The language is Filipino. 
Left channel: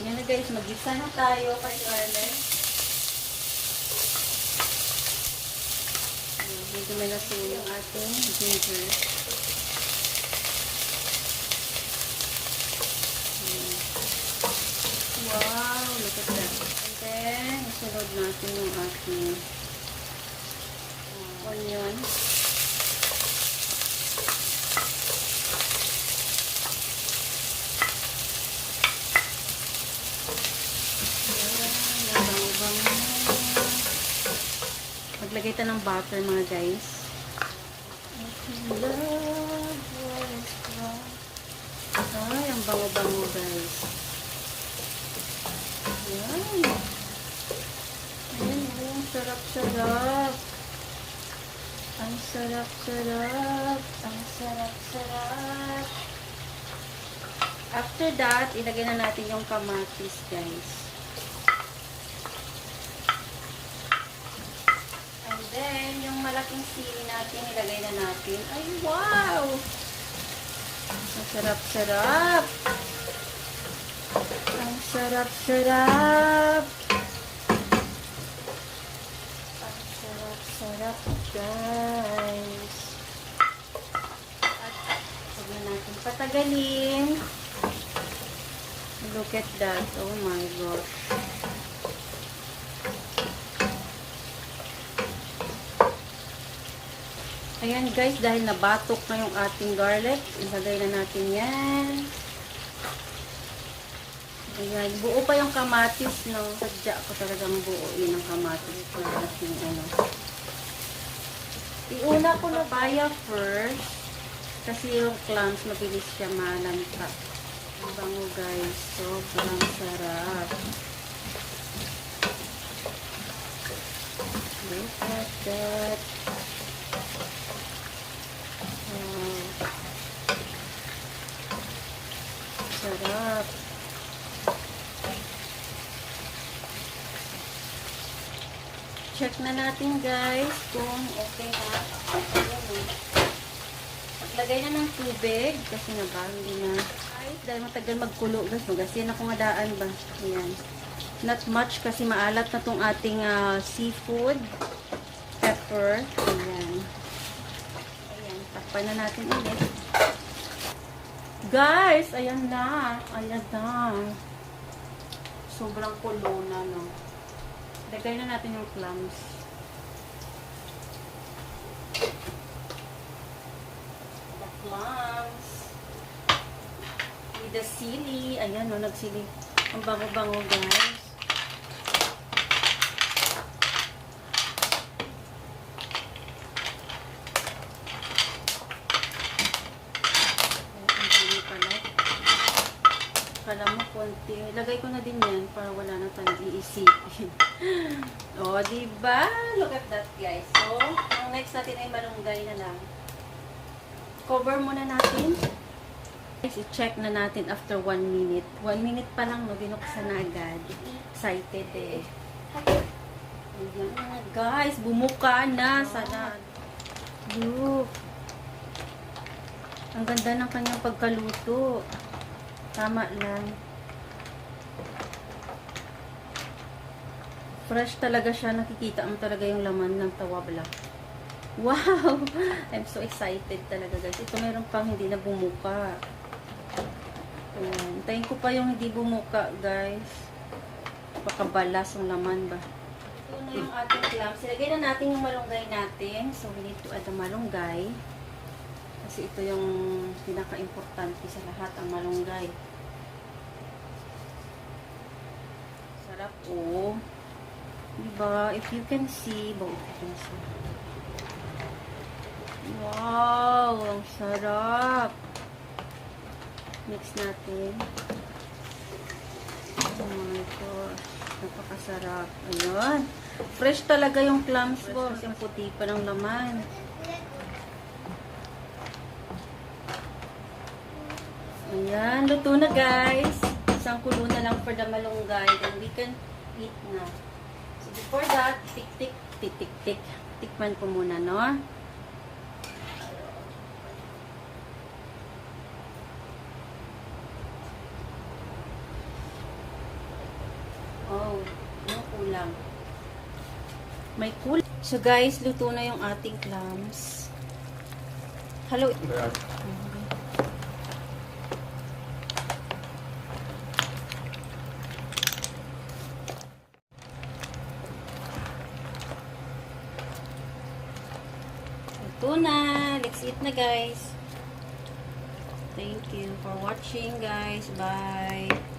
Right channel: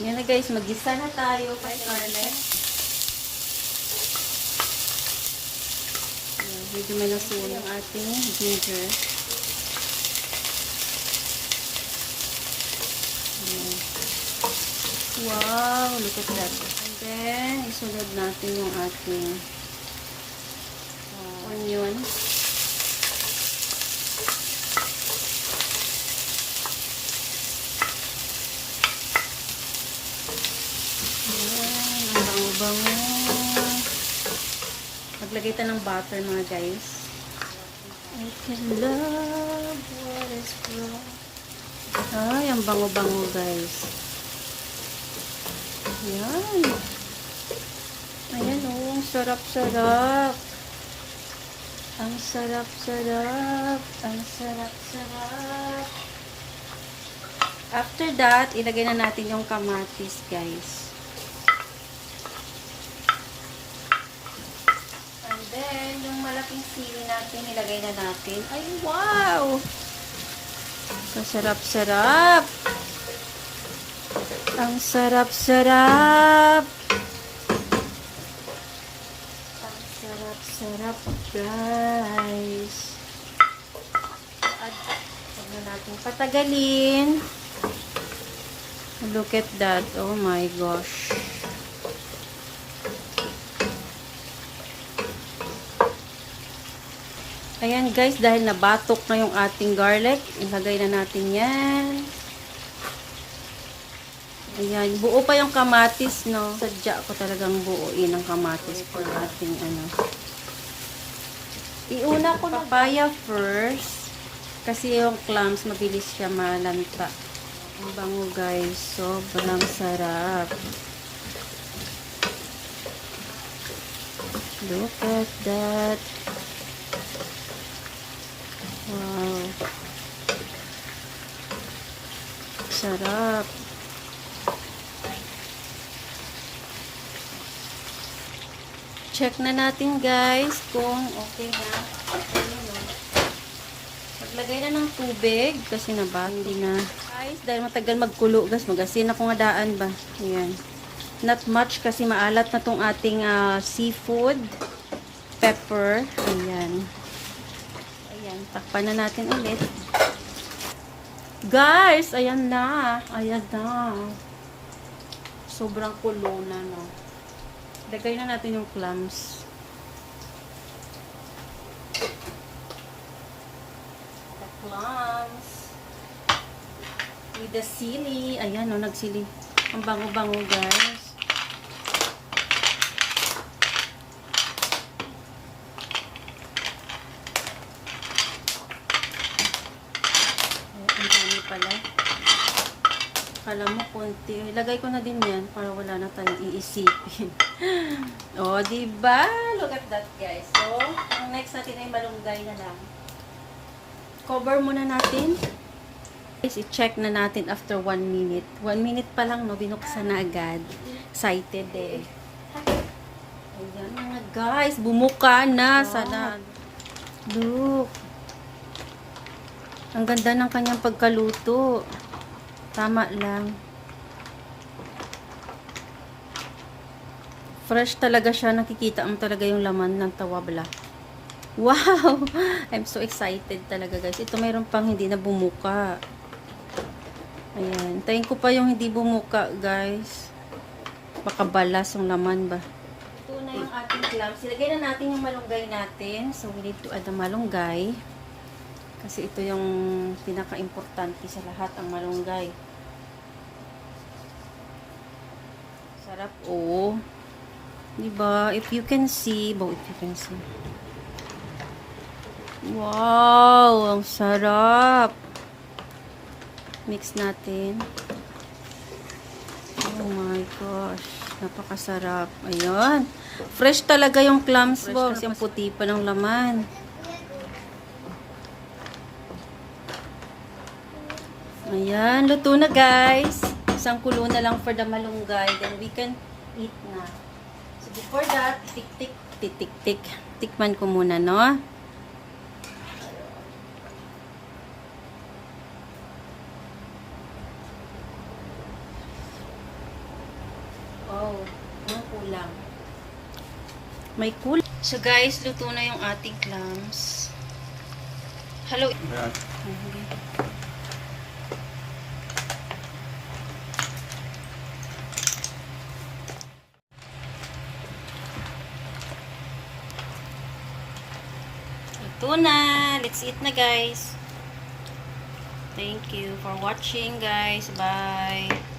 Yan na guys, mag-gisa na tayo kay garlic. Medyo may nasuyo yung ating ginger. Wow, look at that. And then, isunod natin yung ating onion. Maglagay tayo ng butter mga guys. Ay, ang bango-bango guys. Ayan. Ayan o, ang sarap-sarap. Ang sarap-sarap. Ang sarap-sarap. After that, ilagay na natin yung kamatis guys. And then, yung malaking sili natin, ilagay na natin. Ay, wow! Ang sarap-sarap. Ang sarap-sarap. Ang sarap-sarap, guys. At huwag na natin patagalin. Look at that. Oh my gosh. Ayan guys, dahil nabatok na yung ating garlic, ilagay na natin yan. Ayan, buo pa yung kamatis, no? Sadya ko talagang buuin ang kamatis for ating ano. Iuna ko na papaya first, kasi yung clams, mabilis siya malanta. Ang bango guys, sobrang sarap. Look at that. Wow. Sarap. Check na natin guys kung okay na. Maglagay na ng tubig kasi na ba hindi na. Guys, dahil matagal magkulo guys, magasin akong daan ba. Ayan. Not much kasi maalat na tong ating seafood. Pepper. Ayan. Takpan na natin ulit. Guys, ayan na. Ayan na. Sobrang kulo na, no? Lagay na natin yung clams. The clams. With the sili. Ayan, no? Nagsili. Ang bango-bango, guys. Kala mo konti. Lagay ko na din yan para wala na tayong iisipin. O, diba? Look at that, guys. So, ang next natin ay malunggay na lang. Cover muna natin. Guys, i-check na natin after 1 minute. 1 minute pa lang, no? Binuksan na agad. Excited eh. Ayan na, guys. Bumuka na. Sana. Look. Ang ganda ng kanyang pagkaluto. Tama lang. Fresh talaga siya. Nakikita mo talaga yung laman ng tawabla. Wow! I'm so excited talaga guys. Ito mayroon pang hindi na bumuka. Ayan. Tayin ko pa yung hindi bumuka guys. Baka balas yung laman ba. Ito na yung ating clams. Silagay na natin yung malunggay natin. So we need to add the malunggay. Kasi ito yung pinaka-importante sa lahat, ang malunggay. Sarap, oh. Diba? If you can see, wow! Ang sarap! Mix natin. Oh my gosh. Napakasarap. Ayun. Fresh talaga yung clams, boss. Yung puti pa ng laman. Ayan, luto na guys. Isang kulo na lang for the malunggay. Then we can eat na. So before that, tik-tik. Tikman ko muna, no? sabaw. Yung kulang. May kulang. So guys, luto na yung ating clams. Hello. Luto na. Let's eat na guys. Thank you for watching guys. Bye.